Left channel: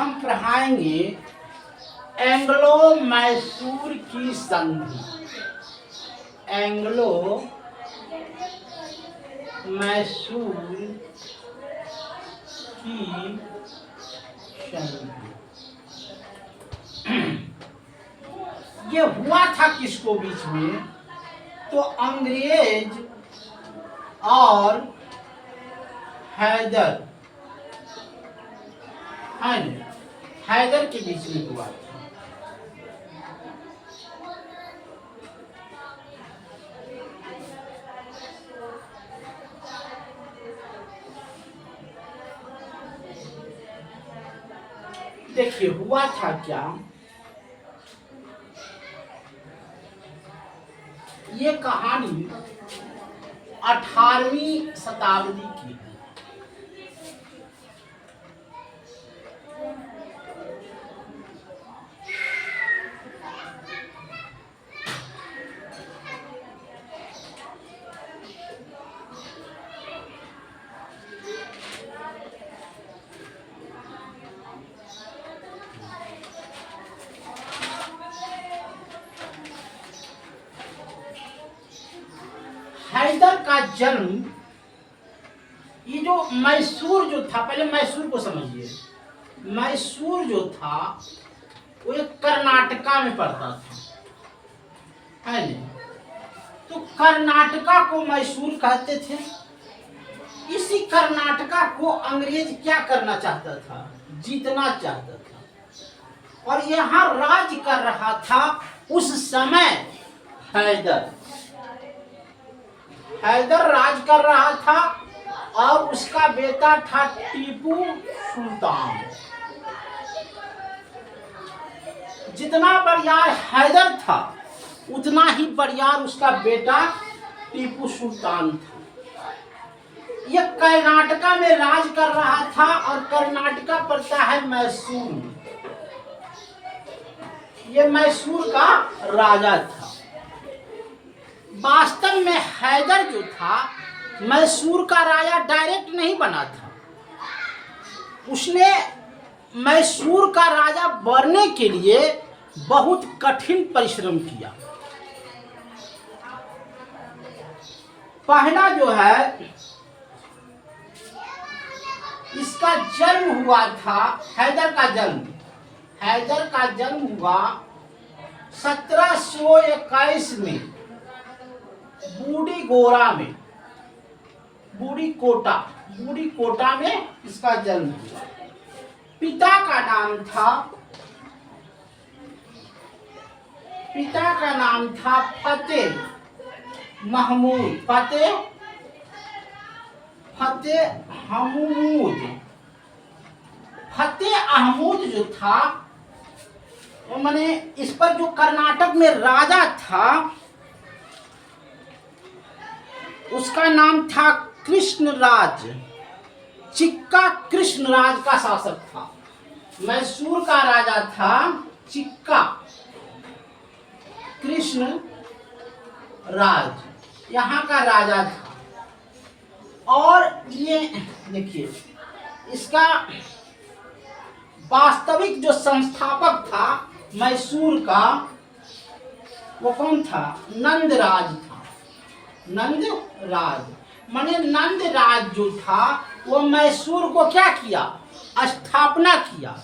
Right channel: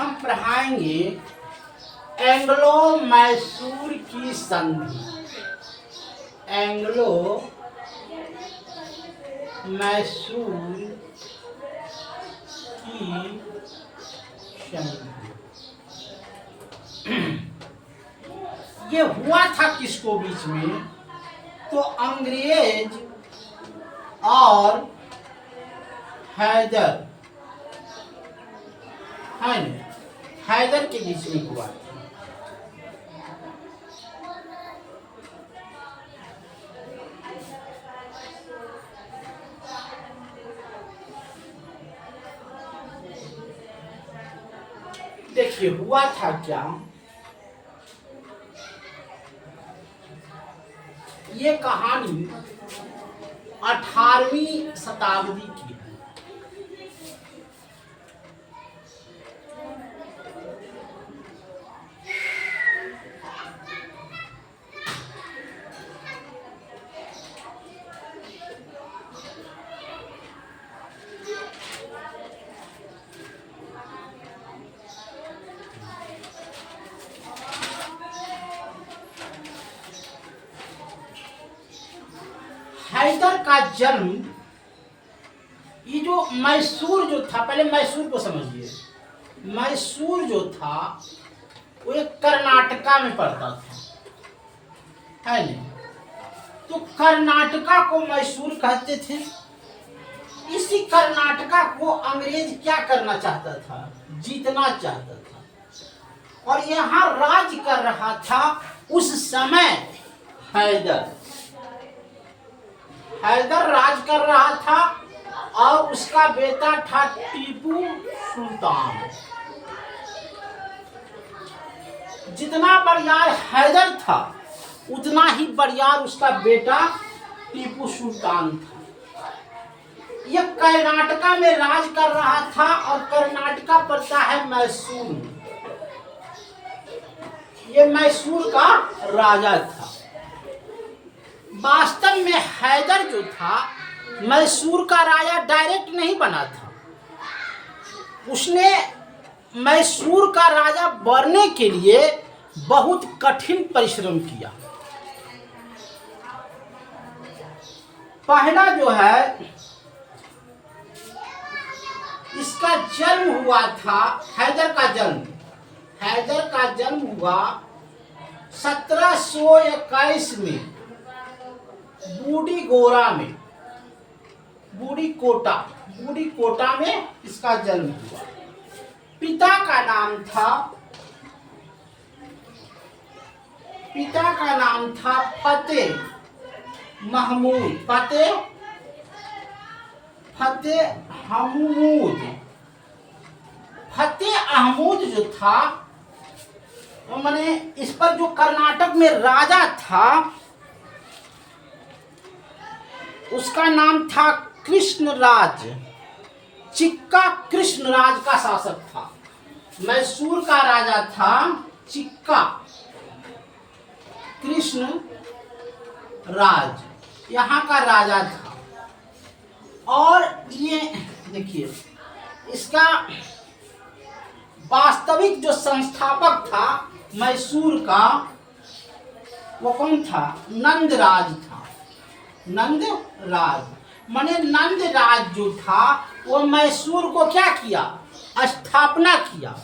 हम पढ़ाएंगे एंग्लो मैसूर की संधि। एंग्लो मैसूर की संधि। ये हुआ था किसको बीच में? तो अंग्रेज और हैदर, है न, हैदर के बीच में हुआ था। देखिए हुआ था क्या, ये कहानी 18वीं शताब्दी की है। हैदर का जन्म, ये जो मैसूर जो था, पहले मैसूर को समझिए। मैसूर जो था वो एक कर्नाटका में पड़ता था, है नहीं? तो कर्नाटका को मैसूर कहते थे। इसी कर्नाटका को अंग्रेज क्या करना चाहता था? जीतना चाहता था। और यहाँ राज कर रहा था उस समय हैदर। हैदर राज कर रहा था और उसका बेटा था टीपू सुल्तान। जितना बरियार हैदर था उतना ही बरियार उसका बेटा टीपू सुल्तान था। यह कर्नाटका में राज कर रहा था और कर्नाटका पड़ता है मैसूर में। ये मैसूर का राजा था। वास्तव में हैदर जो था मैसूर का राजा डायरेक्ट नहीं बना था। उसने मैसूर का राजा बनने के लिए बहुत कठिन परिश्रम किया। पहला जो है, इसका जन्म हुआ था, हैदर का जन्म हुआ 1721 में बूढ़ी कोटा में इसका जन्म हुआ। पिता का नाम था फतेह अहमूद जो था, माने इस पर जो कर्नाटक में राजा था उसका नाम था कृष्णराज। चिक्का कृष्णराज का शासक था। मैसूर का राजा था चिक्का कृष्ण राज, यहाँ का राजा था। और ये देखिए, इसका वास्तविक जो संस्थापक था मैसूर का, वो कौन था? नंदराज था। नंदराज माने नंदराज जो था वो मैसूर को क्या किया? स्थापना किया।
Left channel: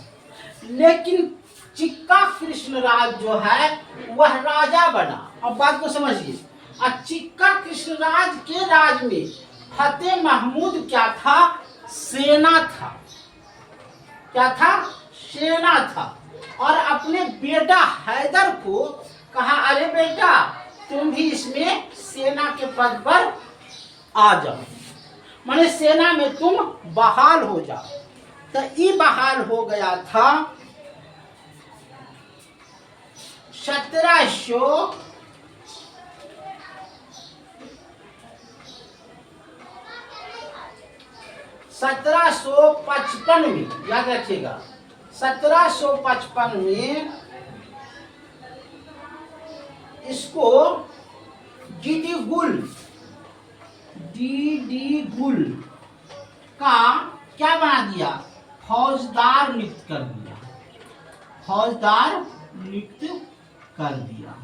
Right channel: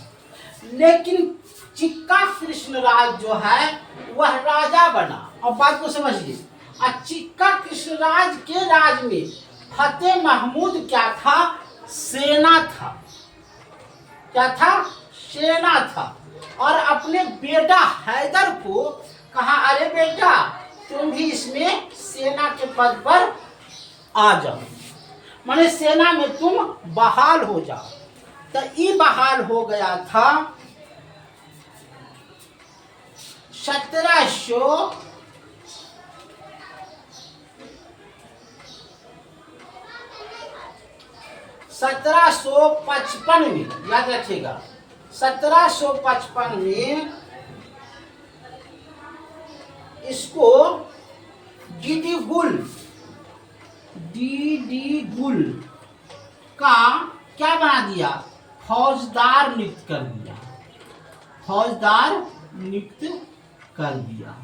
लेकिन चिक्का कृष्णराज जो है वह राजा बना। अब बात को समझिए। और चिक्का कृष्णराज के राज में फतेह महमूद क्या था? सेना था। क्या था? सेना था। और अपने बेटा हैदर को कहा, अरे बेटा तुम भी इसमें सेना के पद पर आ जाओ, माने सेना में तुम बहाल हो जाओ। तो ये बहाल हो गया था 1755 में, याद रखिएगा 1755 में इसको डीडी गुल का क्या बना दिया? फौजदार नियुक्त कर दिया, फौजदार नियुक्त कर दिया।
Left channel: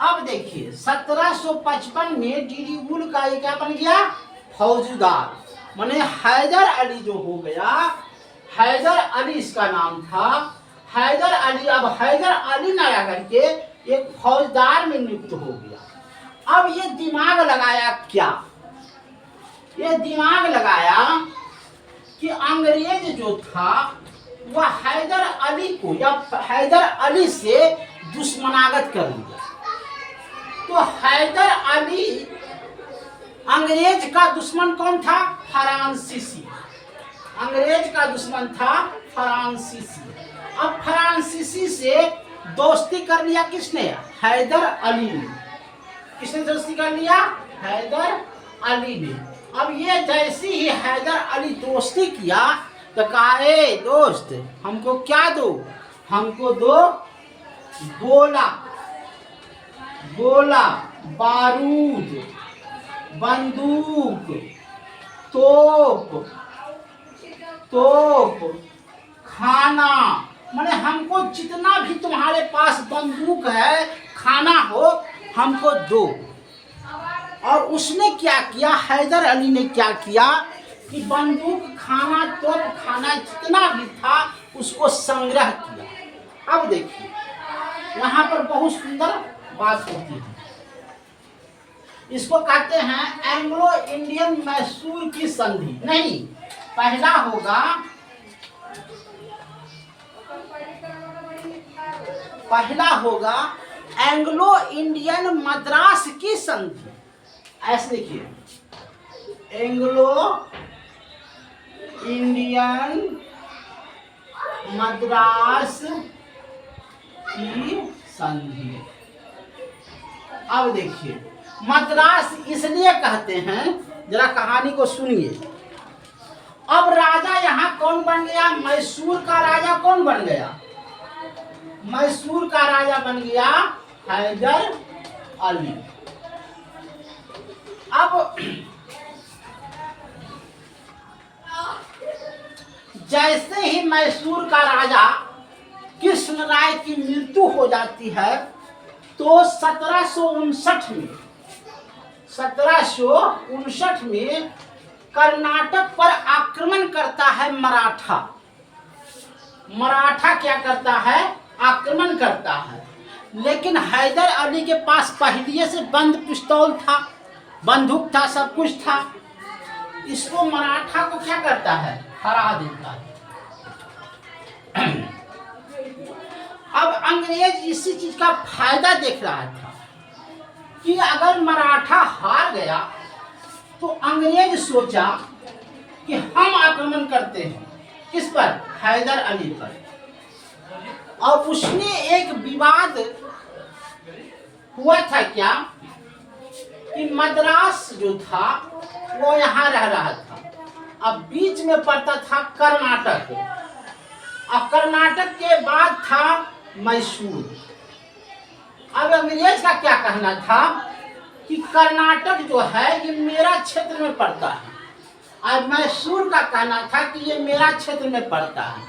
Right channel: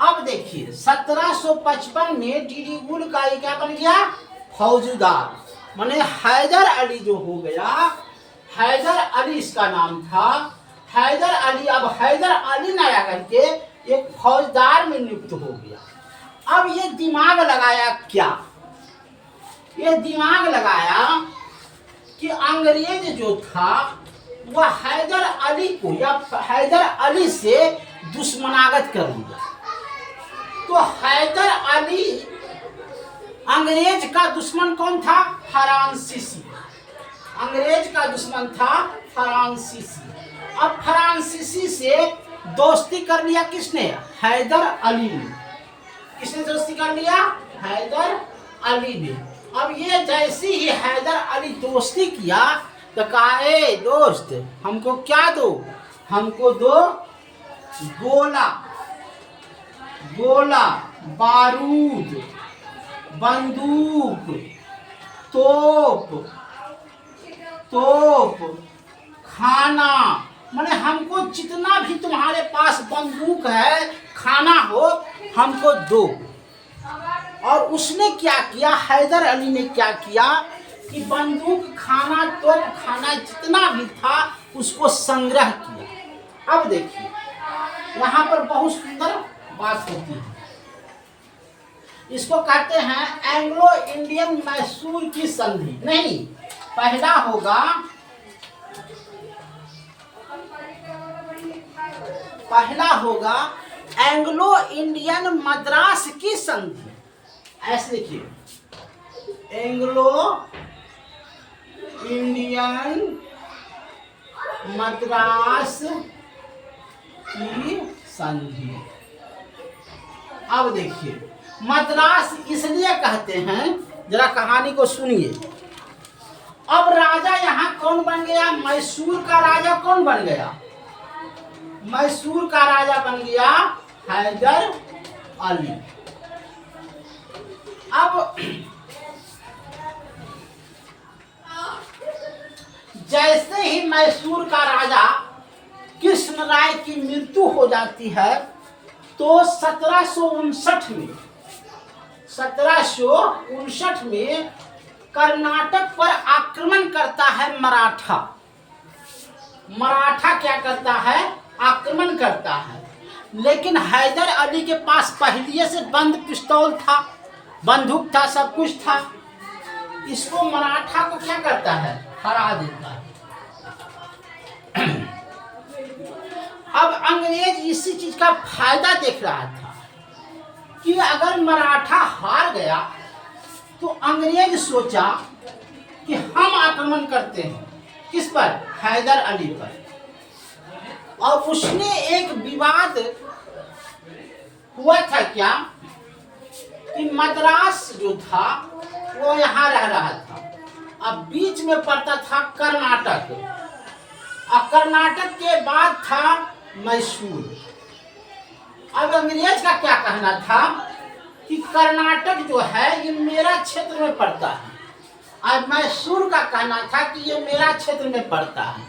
अब देखिए 1755 में डीडी गुल का ये क्या बन गया, फौजदार। माने हैदर अली जो हो गया, हैदर अली इसका नाम था, हैदर अली अब हैदर अली नया करके एक फौजदार में नियुक्त हो गया। अब ये दिमाग लगाया क्या, ये दिमाग लगाया कि अंग्रेज जो था वह हैदर अली को या हैदर अली से दुश्मनागत कर लिया। तो हैदर अली अंग्रेज का दुश्मन कौन था, फ्रांसीसी। अंग्रेज का दुश्मन था फ्रांसीसी। अब फ्रांसीसी से दोस्ती कर लिया किसने, हैदर अली ने। किसने दोस्ती कर लिया, हैदर अली ने। अब ये जैसी ही हैदर अली दोस्ती किया तो कहा, ए दोस्त हमको क्या दो, हमको दो गोला, गोला, बारूद, बंदूक, तोप, तोप, खाना। माने हमको जितना भी तुम्हारे पास बंदूक है, खाना हो, हमको दो। और उसने क्या किया, हैदर अली ने क्या किया कि बंदूक, खाना, तोप खाना जितना भी था उसको संग्रह किया। अब देखिए यहाँ पर बहुत सुंदर बात होती है, इसको कहते हैं एंग्लो इंडियन मैसूर की संधि। नहीं, पहला होगा, पहला होगा एंग्लो इंडियन मद्रास की संधि। ऐसे देखिए, एंग्लो इंडियन मद्रास की संधि। अब देखिए मद्रास इसलिए कहते हैं, जरा कहानी को सुनिए। अब राजा यहाँ कौन बन गया, मैसूर का राजा कौन बन गया, मैसूर का राजा बन गया हैदर अली। अब जैसे ही मैसूर का राजा कृष्ण राय की मृत्यु हो जाती है तो 1759 में कर्नाटक पर आक्रमण करता है मराठा। मराठा क्या करता है, आक्रमण करता है। लेकिन हैदर अली के पास पहले से बंद पिस्तौल था, बंदूक था, सब कुछ था। इसको मराठा को क्या करता है, हरा देता है। अब अंग्रेज इसी चीज का फायदा देख रहा था कि अगर मराठा हार गया तो अंग्रेज सोचा कि हम आक्रमण करते हैं, किस पर, हैदर अली पर। और उसने एक विवाद हुआ था क्या कि मद्रास जो था वो यहाँ रह रहा था, अब बीच में पड़ता था कर्नाटक, और कर्नाटक के बाद था मैसूर। अब अंग्रेज का क्या कहना था कि कर्नाटक जो है ये मेरा क्षेत्र में पड़ता है, और मैसूर का कहना था कि ये मेरा क्षेत्र में पड़ता है।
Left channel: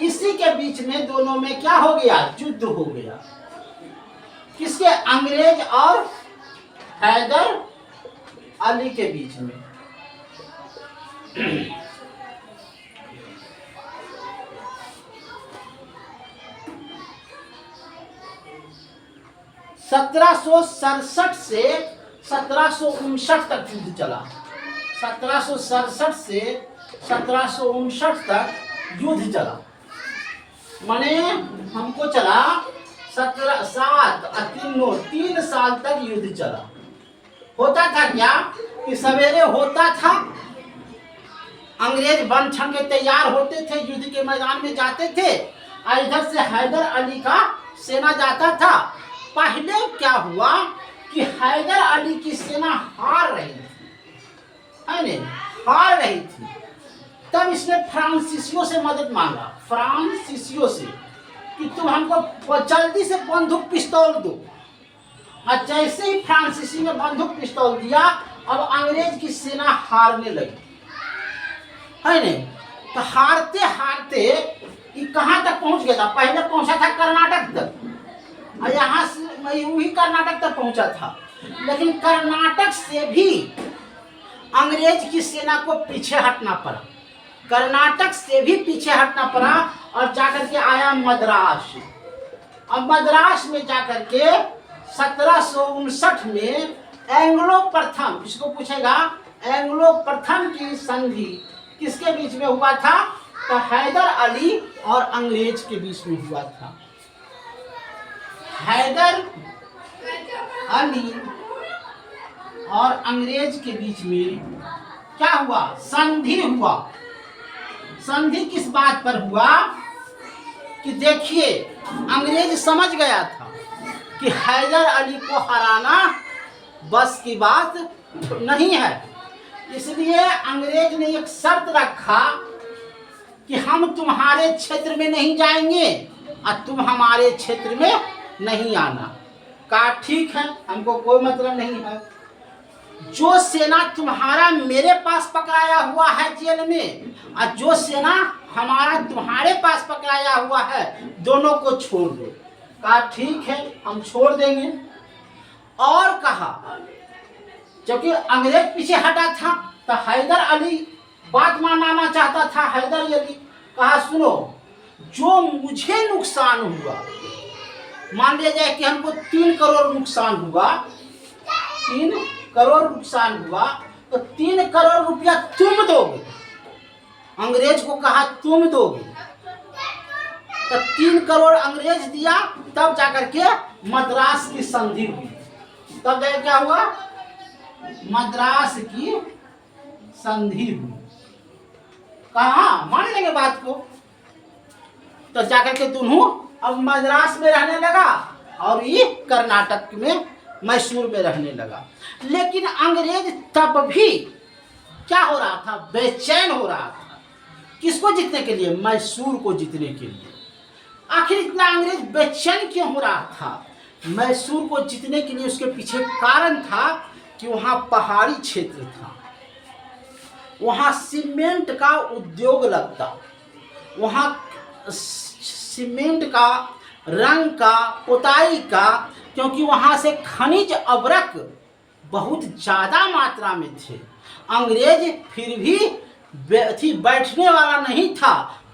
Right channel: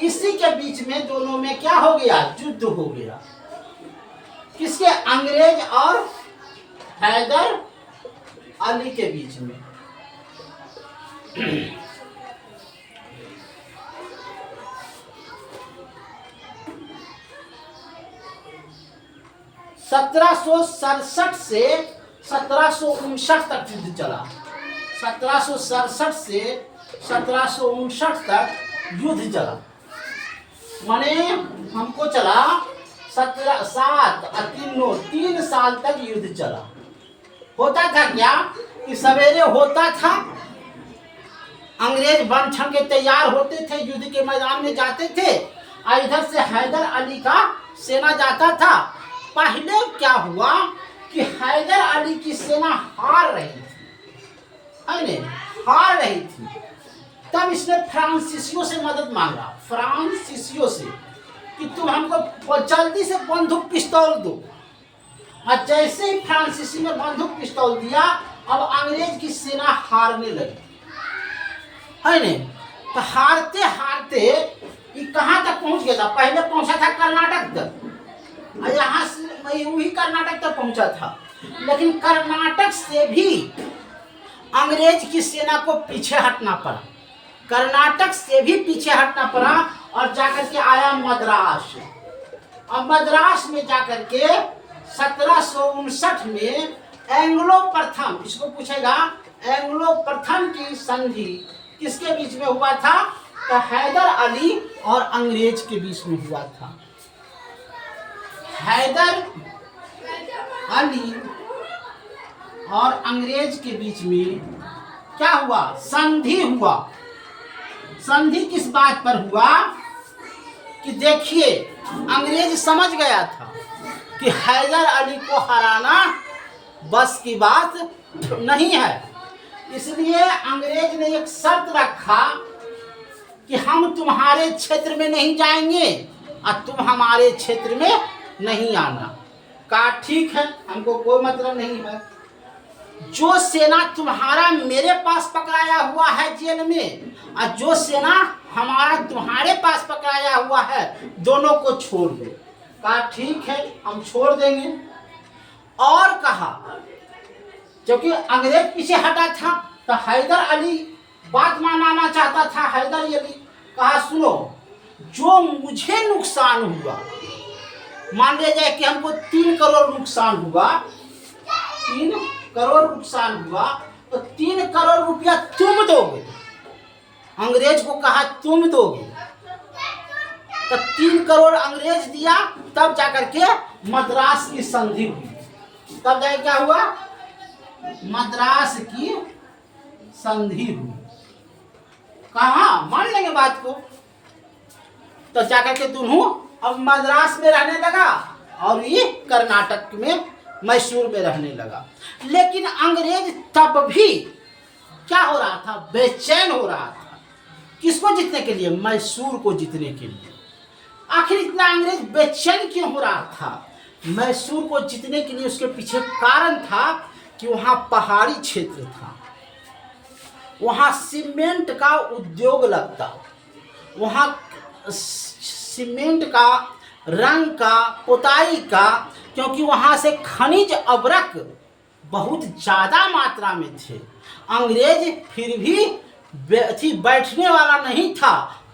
इसी के बीच में दोनों में क्या हो गया, युद्ध हो गया। किसके, अंग्रेज और हैदर अली के बीच में। 1767 से 1759 तक युद्ध चला। 1767 से 1759 तक युद्ध चला, माने हमको चला 3 साल तक युद्ध चला। होता था क्या कि सवेरे होता था, अंग्रेज बन ठन के तैयार होते थे, युद्ध के मैदान में जाते थे, और इधर से हैदर अली का सेना जाता था। पहले क्या हुआ कि हैदर अली की सेना हार रही थी, है नहीं, हार रही थी। तब इसने फ्रांसीसियों से मदद मांगा, फ्रांसीसियों से, कि तुम हमको जल्दी से बंदूक पिस्तौल दो। और जैसे ही फ्रांसीसी ने बंदूक पिस्तौल दिया, अब अंग्रेज की सेना हारने लगी, है नहीं। तो हारते हारते ये कहाँ तक पहुंच गया था? पहले पहुंचा था कर्नाटक तक, और यहाँ से वही कर्नाटक तक पहुंचा था। लेकिन कर्नाटक से भी अंग्रेज की सेना को पीछे हटना पड़ा, कर्नाटक से भी पीछे हटना पड़ा, और जाकर के आया मद्रास। और मद्रास में जाकर के 1759 में एंग्लो प्रथम, इसको पूछेगा, एंग्लो प्रथम की संधि किसके बीच में हुआ था? तो हैदर अली और अंग्रेज के बीच में हुआ था। हैदर अली और अंग्रेज के बीच में क्या हुआ? संधि हुआ। संधि किस बात पर हुआ? कि देखिए, अंग्रेज समझ गया था कि हैदर अली को हराना बस की बात नहीं है, इसलिए अंग्रेज ने एक शर्त रखा कि हम तुम्हारे क्षेत्र में नहीं जाएंगे और तुम हमारे क्षेत्र में नहीं आना। कहा ठीक है, हमको कोई मतलब नहीं है। जो सेना तुम्हारा मेरे पास पकड़ाया हुआ है जेल में, और जो सेना हमारा तुम्हारे पास पकड़ाया हुआ है, दोनों को छोड़ दो। कहा ठीक है, हम छोड़ देंगे। और कहा, क्योंकि अंग्रेज पीछे हटा था तो हैदर अली बात मानना चाहता था। हैदर अली कहा सुनो, जो मुझे नुकसान हुआ, मान लिया जाए कि हमको 3 करोड़ नुकसान हुआ, 3 करोड़ नुकसान हुआ, तो 3 करोड़ रुपया तुम दोगे। अंग्रेज को कहा तुम दोगे, तो 3 करोड़ अंग्रेज दिया, तब जाकर के मद्रास की संधि हुई। तब जाकर क्या हुआ? मद्रास की संधि हुई। कहा मान लेंगे बात को, तो जाकर के दोनों अब मद्रास में रहने लगा और ये कर्नाटक में मैसूर में रहने लगा। लेकिन अंग्रेज तब भी क्या हो रहा था? बेचैन हो रहा था। किसको जीतने के लिए? मैसूर को जीतने के लिए। आखिर इतना अंग्रेज बेचैन क्यों हो रहा था? मैसूर को जीतने के लिए उसके पीछे कारण था कि वहाँ पहाड़ी क्षेत्र था, वहाँ सीमेंट का उद्योग लगता, वहाँ सीमेंट का, रंग का, पुताई का, क्योंकि वहाँ से खनिज अवरक बहुत ज़्यादा मात्रा में थे। अंग्रेज फिर भी बैठने वाला नहीं था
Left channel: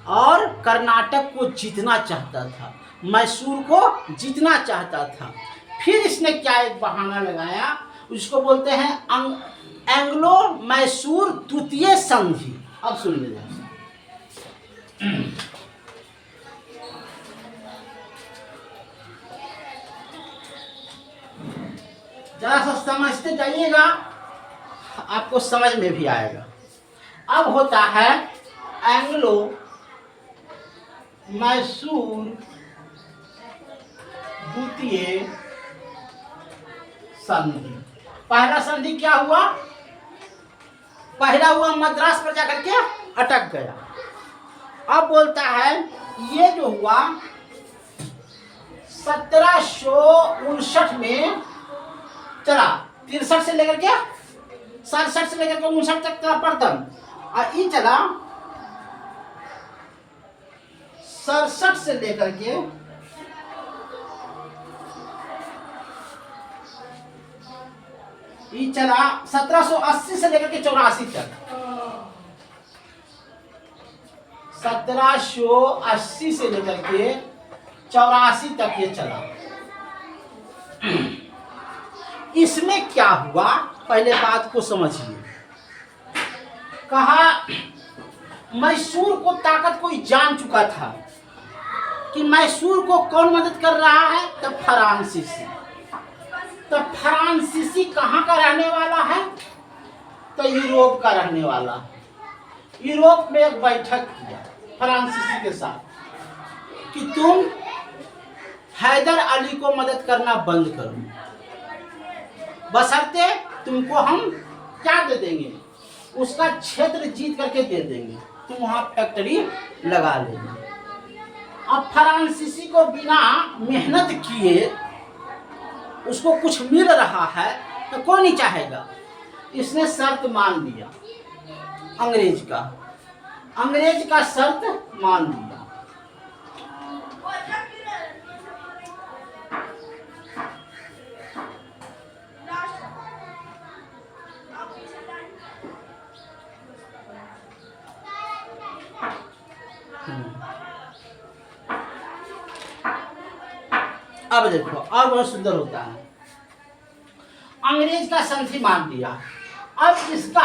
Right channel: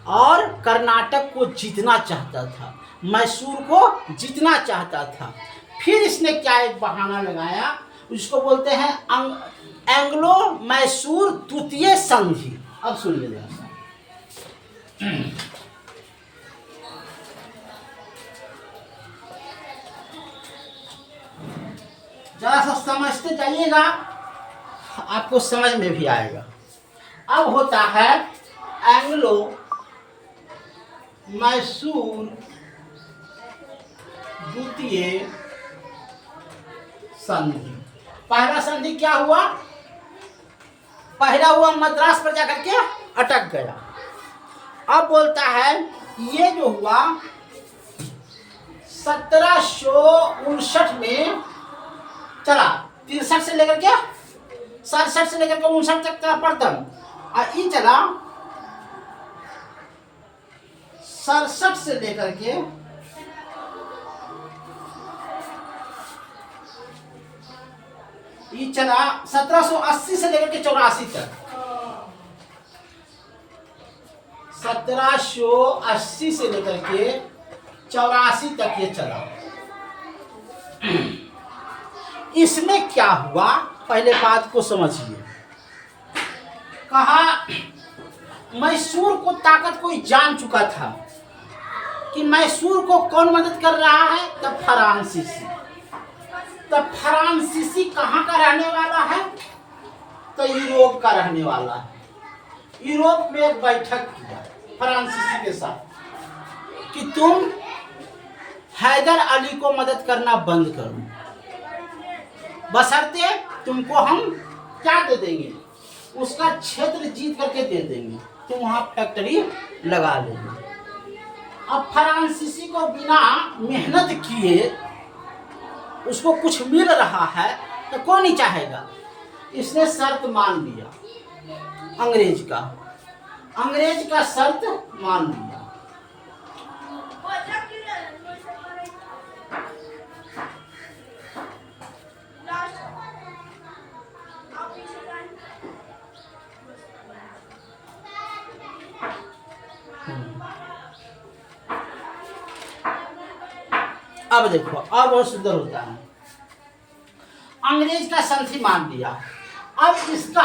और कर्नाटक को जीतना चाहता था, मैसूर को जीतना चाहता था। फिर इसने क्या एक बहाना लगाया, उसको बोलते हैं एंग्लो मैसूर द्वितीय संधि। अब सुन लीजिए, जरा सा समझते जाइएगा, आपको समझ में भी आएगा। अब होता है एंग्लो मैसूर द्वितीय संधि। पहला संधि क्या हुआ? पहला हुआ मद्रास पर जाकर के अटक गया। अब बोलता है ये जो हुआ 1759 में चला, 63 से लेकर के 67 से लेकर के 59 तक चला प्रथम, और ये चला 67 से लेकर के 1780 से लेकर के 84 तक, 1780 से लेकर के 84 तक ये चला। इसमें क्या हुआ, पहले बात को समझिए। कहा मैसूर को ताकत कोई जान चुका था कि मैसूर को कौन मदद कर रहा है, तब फ्रांसीसी। तब फ्रांसीसी कहाँ का रहने वाला है? तो यूरोप का रहने वाला है। यूरोप में एक बैठक किया फ्रांसीसी के साथ कि तुम हैदर अली को मदद करना बंद करो, बशर्ते तुमको हम क्या दे देंगे, उसका क्षेत्र जीत करके दे देंगे, तुम वहाँ फैक्ट्री लगा लेना। अब फ्रांसीसी को बिना मेहनत किए उसको कुछ मिल रहा है तो कौन नहीं चाहेगा। इसने शर्त मान लिया अंग्रेज का अंग्रेज का शर्त मान लिया। अब देखो और बहुत सुंदर होता है। अंग्रेज का संधि मान लिया। अब इसका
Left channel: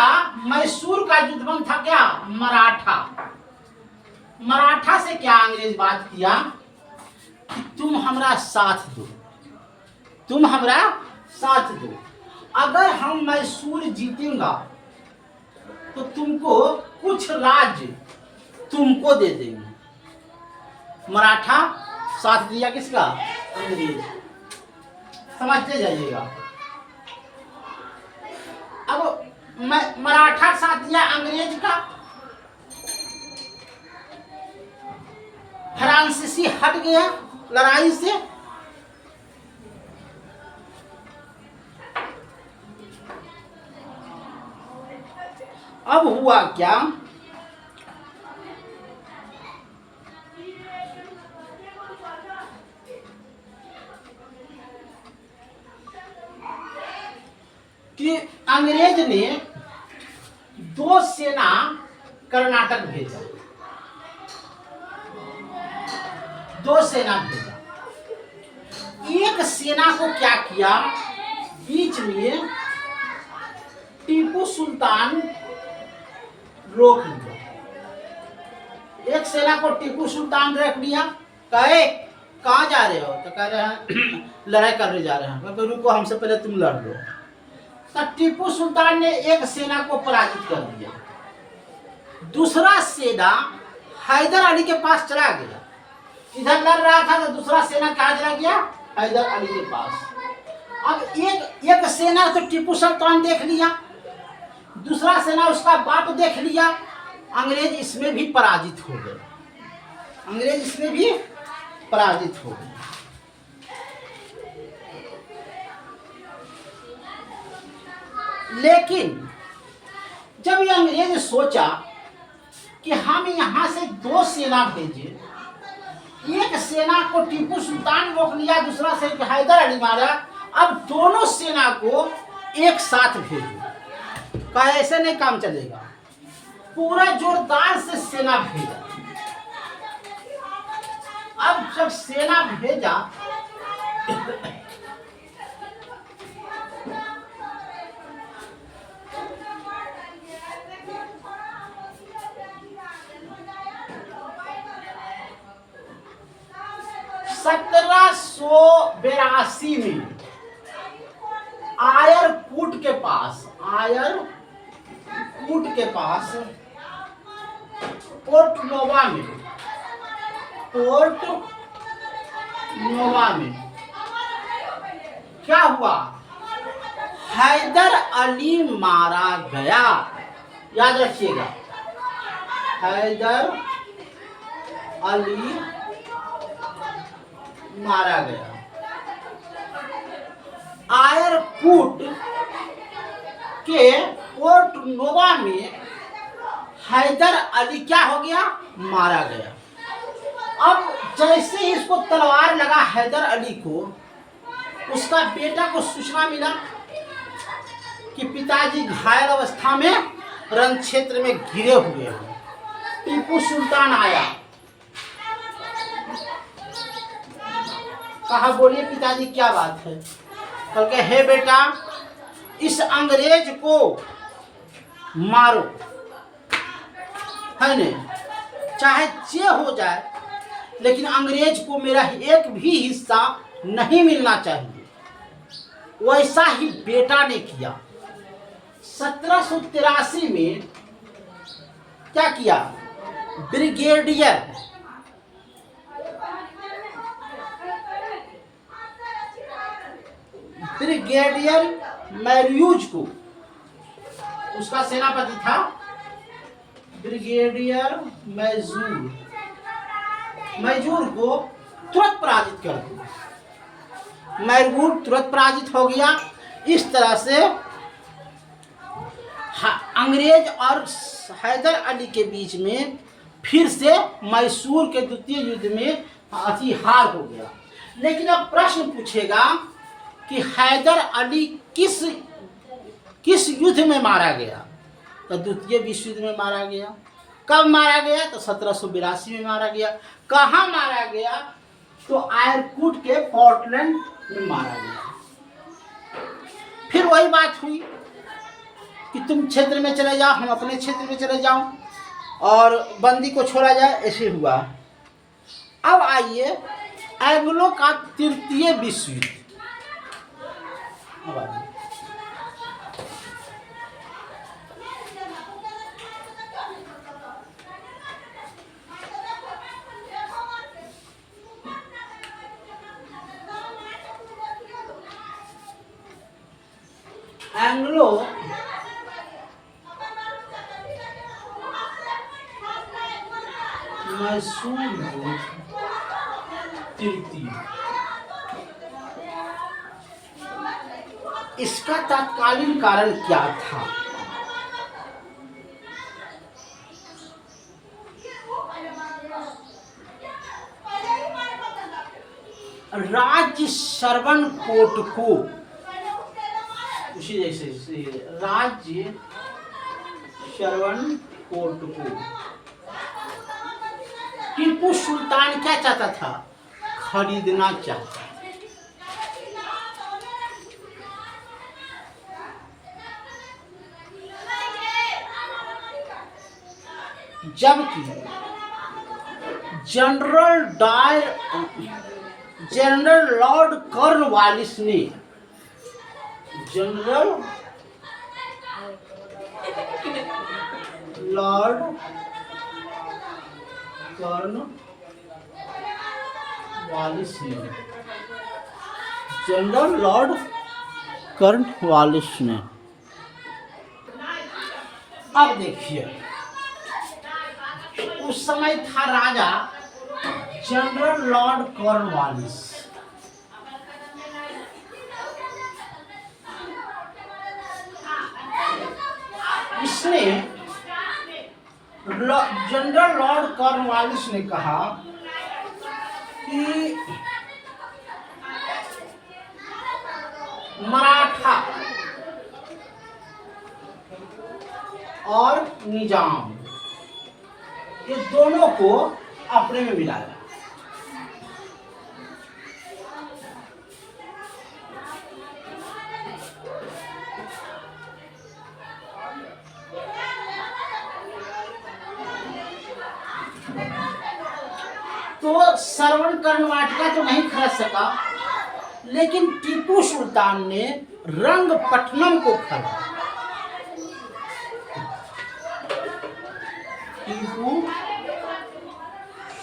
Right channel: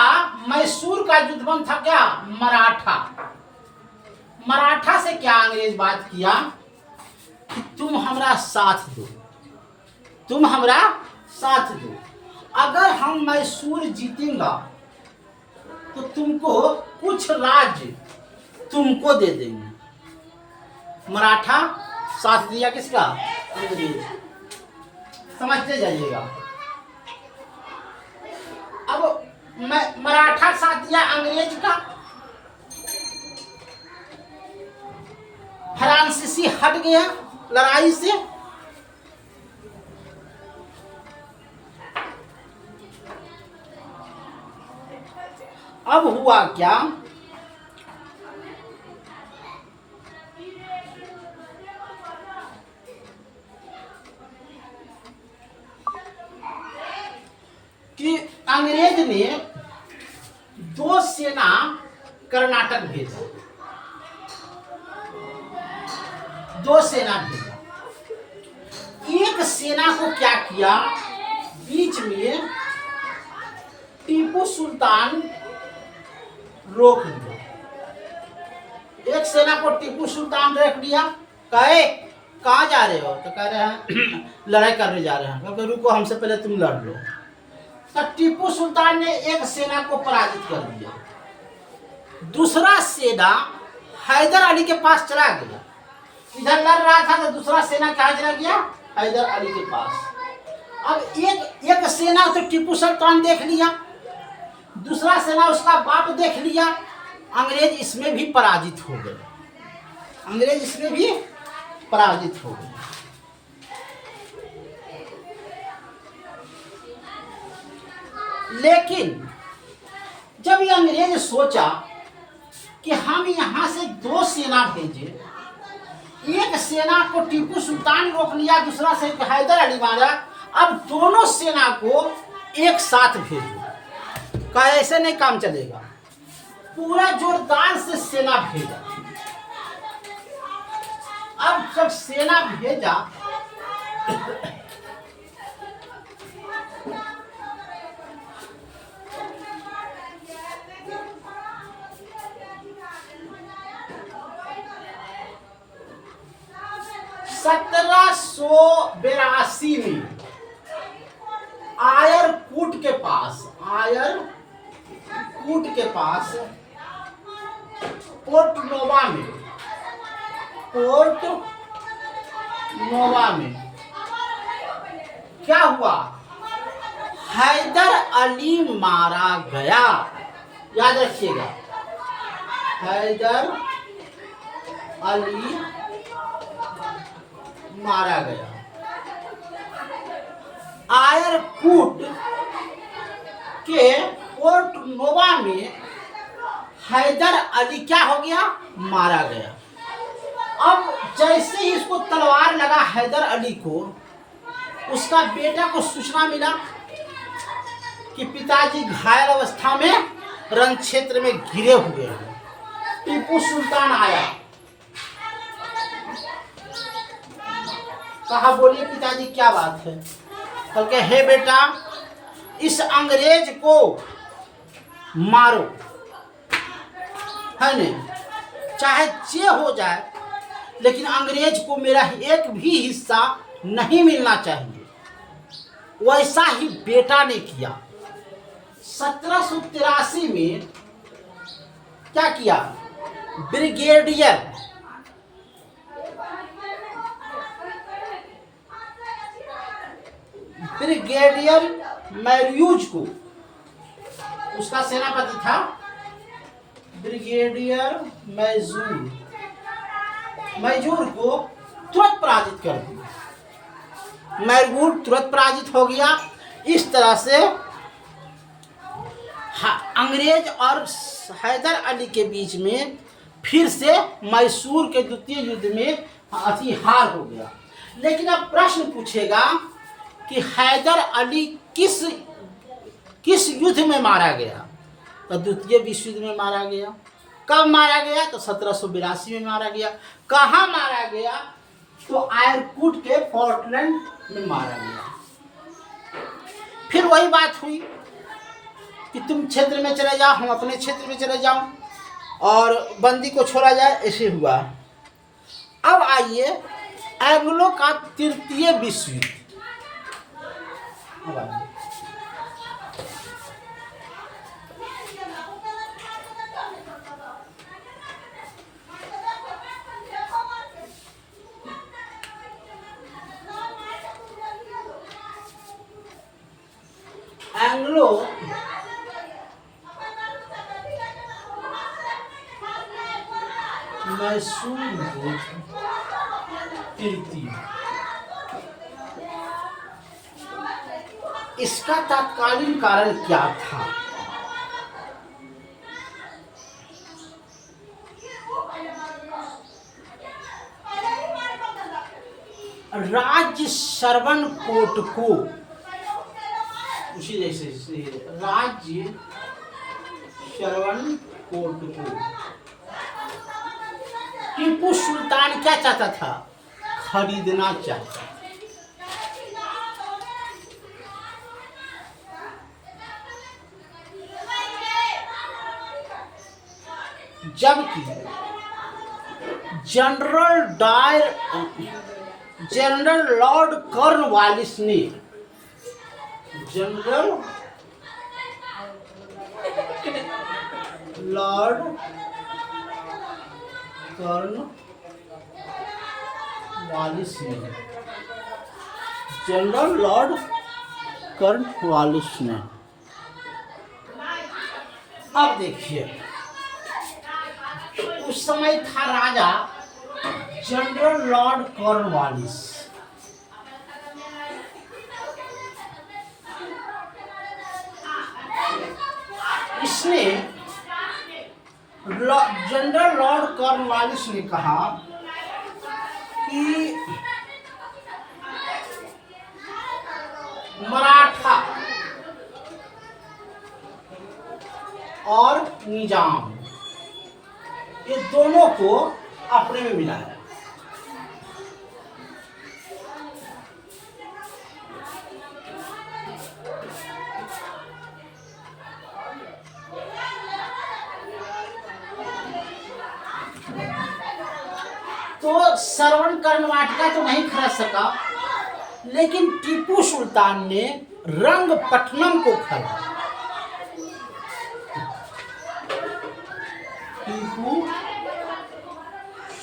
मैसूर का युद्ध बंद था क्या, मराठा। मराठा से क्या अंग्रेज बात किया कि तुम हमरा साथ दो, तुम हमरा साथ दो, अगर हम मैसूर जीतेंगा तो तुमको कुछ राज्य तुमको दे देंगे। मराठा साथ दिया किसका, अंग्रेज। समझते जाइएगा। अब मराठा साथ दिया अंग्रेज का, फ्रांसीसी हट गया लड़ाई से। अब हुआ क्या कि अंग्रेज ने दो सेना कर्नाटक भेजा, दो सेना भेजा। एक सेना को क्या किया, बीच में टीपू सुल्तान रोक लिया। एक सेना को टीपू सुल्तान रोक लिया, कहे कहाँ जा रहे हो, तो कह रहे हैं लड़ाई करने जा रहे हैं। तो रुको, हमसे पहले तुम लड़ लो। तो टीपू सुल्तान ने एक सेना को पराजित कर दिया। दूसरा सेना हैदर अली के पास चला गया। इधर लड़ रहा था तो दूसरा सेना कहाँ चला गया, हैदर अली के पास। अब एक सेना तो टीपू सुल्तान देख लिया, दूसरा सेना उसका बाप देख लिया। अंग्रेज इसमें भी पराजित हो गए, अंग्रेज इसमें भी पराजित हो गए। लेकिन जब ये अंग्रेज सोचा कि हम यहाँ से दो सेना भेजे, एक सेना को टीपू सुल्तान रोक लिया, दूसरा से हैदर अली मारा, अब दोनों सेना को एक साथ भेजो। का ऐसे नहीं काम चलेगा, पूरा जोरदार से सेना भेजा। अब जब सेना भेजा (1782) में आयरकूट के पास पोर्ट नोवा में क्या हुआ, हैदर अली मारा गया। याद रखिएगा, हैदर अली मारा गया। आयरकूट के पोर्ट नोवा में हैदर अली क्या हो गया, मारा गया। अब जैसे ही इसको तलवार लगा हैदर अली को, उसका बेटा को सूचना मिला कि पिताजी घायल अवस्था में रण क्षेत्र में गिरे हुए हैं। टीपू सुल्तान आया, कहा बोलिए पिताजी क्या बात है। कल के हे बेटा, इस अंग्रेज को मारो, है नहीं, चाहे जे हो जाए, लेकिन अंग्रेज को मेरा एक भी हिस्सा नहीं मिलना चाहिए। वैसा ही बेटा ने किया। 1783 में क्या किया, ब्रिगेडियर मैर्यूज को, उसका सेनापति था ब्रिगेडियर मैजूर को तुरंत पराजित कर दिया। मैसूर तुरंत पराजित हो गया। इस तरह से अंग्रेज और हैदर अली के बीच में फिर से मैसूर के द्वितीय युद्ध में हार हो गया। लेकिन अब प्रश्न पूछेगा कि हैदर अली किस युद्ध में मारा गया? तो द्वितीय विश्व युद्ध में मारा गया। कब मारा गया? तो 1782 में मारा गया। कहाँ मारा गया? तो आयरकुट के पोर्टलैंड में मारा गया। फिर वही बात हुई कि तुम क्षेत्र में चले जाओ, हम अपने क्षेत्र में चले जाओ और बंदी को छोड़ा जाए, ऐसे हुआ। अब आइए एंग्लो का तृतीय विश्व युद्ध। अब आइए एंग्लो मैसूर युद्ध तृतीय, इसका तत्कालीन कारण क्या था? राज्य श्रवणकोट को, उसी जैसे राज्य श्रवणकोट को टीपू सुल्तान क्या चाहता था? खरीदना चाहता। जबकि जनरल लॉर्ड कॉर्नवालिस ने जनरल लॉर्ड कॉर्नवालिस ने अब देखिए, उस समय था राजा जनरल लॉर्ड कॉर्नवालिस। इसने जनरल लॉर्ड कॉर्नवालिस ने कहा कि मराठा और निजाम, ये दोनों को अपने में मिलाया। तो श्रवण कर्णवाटिका तो नहीं खरीद सका, लेकिन टीपू सुल्तान ने रंगपट्टनम को खरीदा। टीपू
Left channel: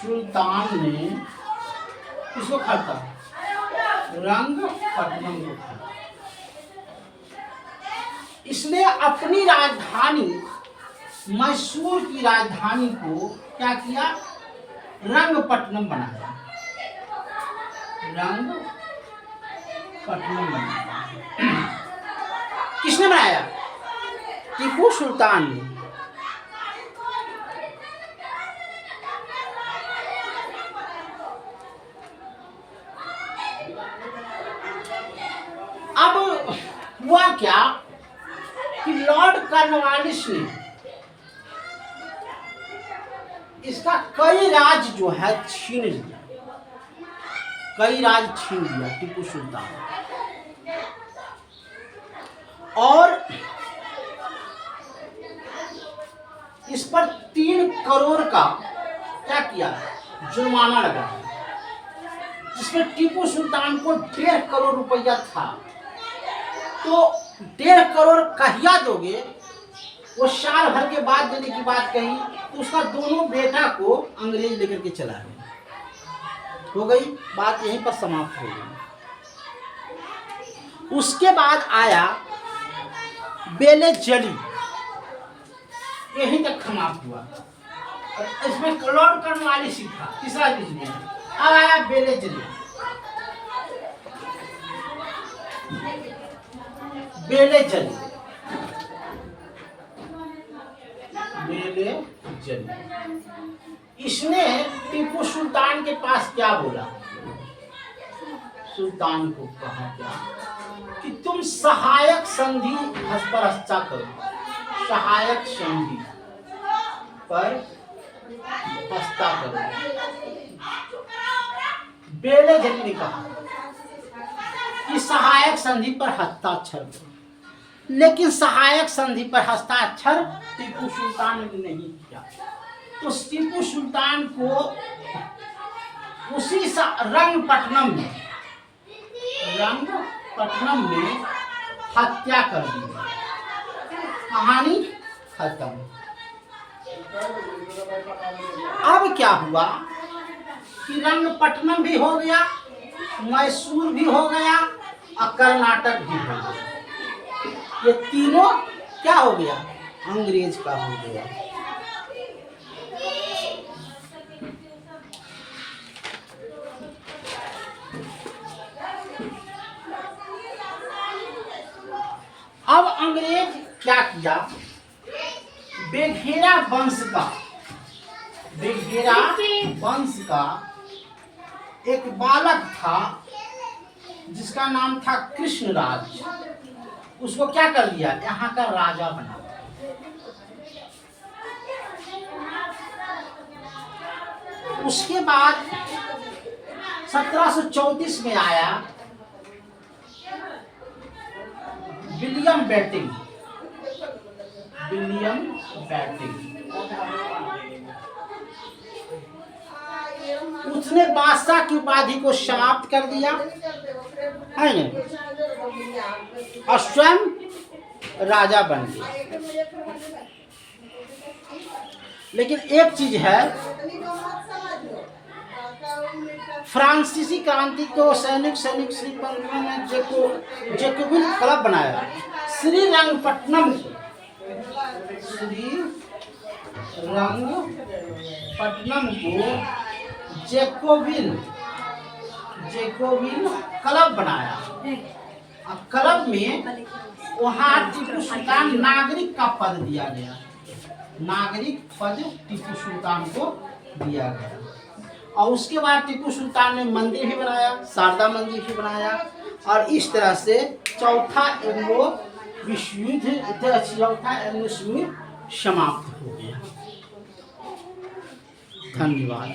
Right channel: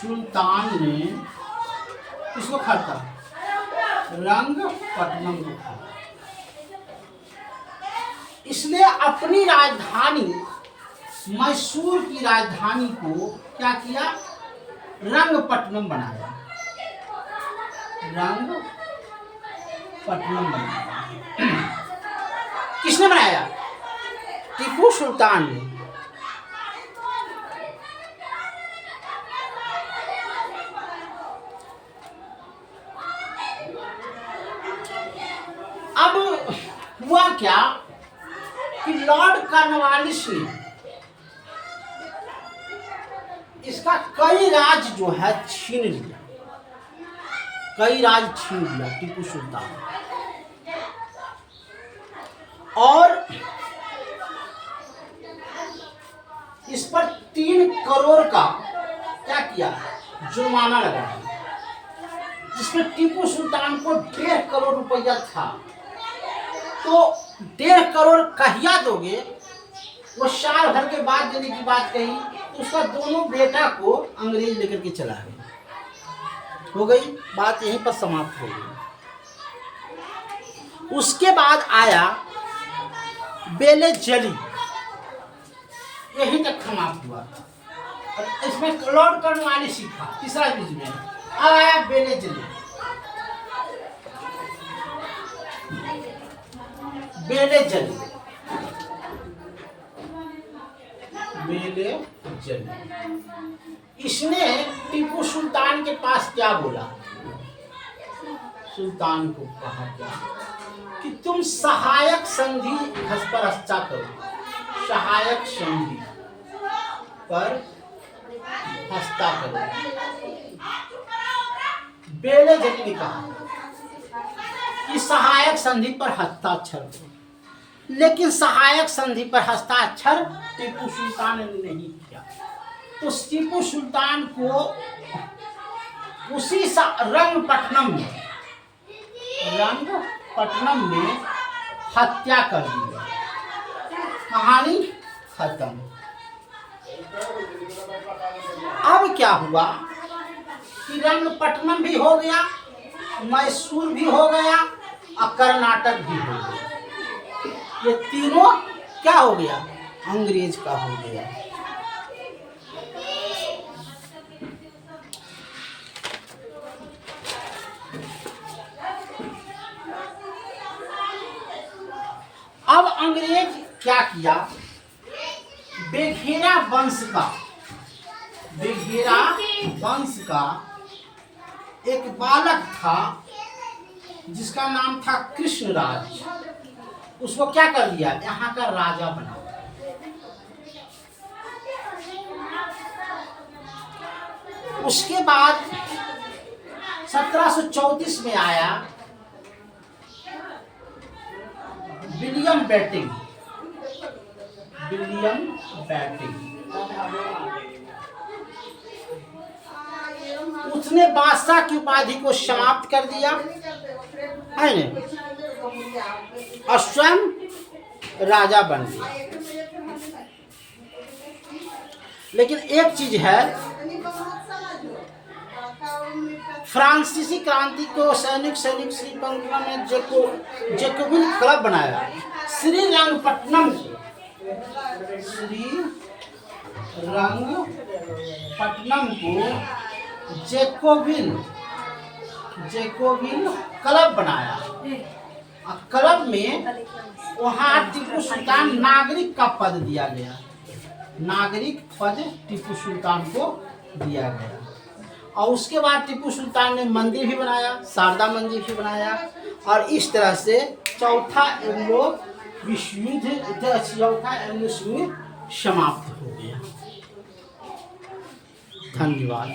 सुल्तान ने किसको खरीदा? रंगपट्टनम को खरीदा। इसने अपनी राजधानी मैसूर की राजधानी को क्या किया? रंगपट्टनम बनाया। रंगपट्टनम बनाया। किसने बनाया? टीपू सुल्तान ने। अब हुआ क्या कि लॉर्ड कॉर्नवालिस ने इसका कई राज जो है छीन लिया, कई राज छीन लिया टीपू सुल्तान। और इस पर 3 करोड़ का क्या किया? जुर्माना लगाया, जिसमें टीपू सुल्तान को 1.5 करोड़ रुपया था। तो 1.5 करोड़ कहिया दोगे? वो साल भर के बाद देने की बात कही। उसका दोनों बेटा को अंग्रेज लेकर के चला गए। हो गई बात, यहीं पर समाप्त हो गई। उसके बाद आया बेले जली, यहीं तक समाप्त हुआ। और इसमें लॉर्ड कॉर्नवालिस था तीसरा चीज में। अब आया बेले जली। बेले जली इसने टीपू सुल्तान के पास क्या बोला? सुल्तान को कहा क्या कि तुम सहायक संधि पर हस्ताक्षर करो, सहायक संधि पर हस्ताक्षर करो। बेलेजली ने कहा कि सहायक संधि पर हस्ताक्षर करो, लेकिन सहायक संधि पर हस्ताक्षर टीपू सुल्तान ने नहीं किया। तो टीपू सुल्तान को उसी रंगपट्टनम में हत्या कर दी गई। कहानी खत्म। अब क्या हुआ कि रंगपट्टनम भी हो गया, मैसूर भी हो गया और कर्नाटक भी हो गया। ये तीनों क्या हो गया? अंग्रेज का हो गया। अब अंग्रेज क्या किया? बेघेरा वंश का एक बालक था जिसका नाम था कृष्णराज। उसको क्या कर लिया? यहाँ का राजा बना। उसके बाद 1734 में आया विलियम बेटिंग। उसने बादशाह की उपाधि को समाप्त कर दिया है ना, और स्वयं राजा बन गया। लेकिन एक चीज है, फ्रांसीसी क्रांति को सैनिक श्रीरंगपट्टनम में जैकोबिन क्लब बनाया। श्रीरंगपट्टनम को जैकोबिन क्लब बनाया। क्लब में वहाँ टीपू सुल्तान नागरिक का पद दिया गया। नागरिक पद टीपू सुल्तान को दिया गया। और उसके बाद टीपू सुल्तान ने मंदिर भी बनाया, शारदा मंदिर भी बनाया। और इस तरह से चौथा एंग्लो विश्व युद्ध समाप्त हो गया। धन्यवाद।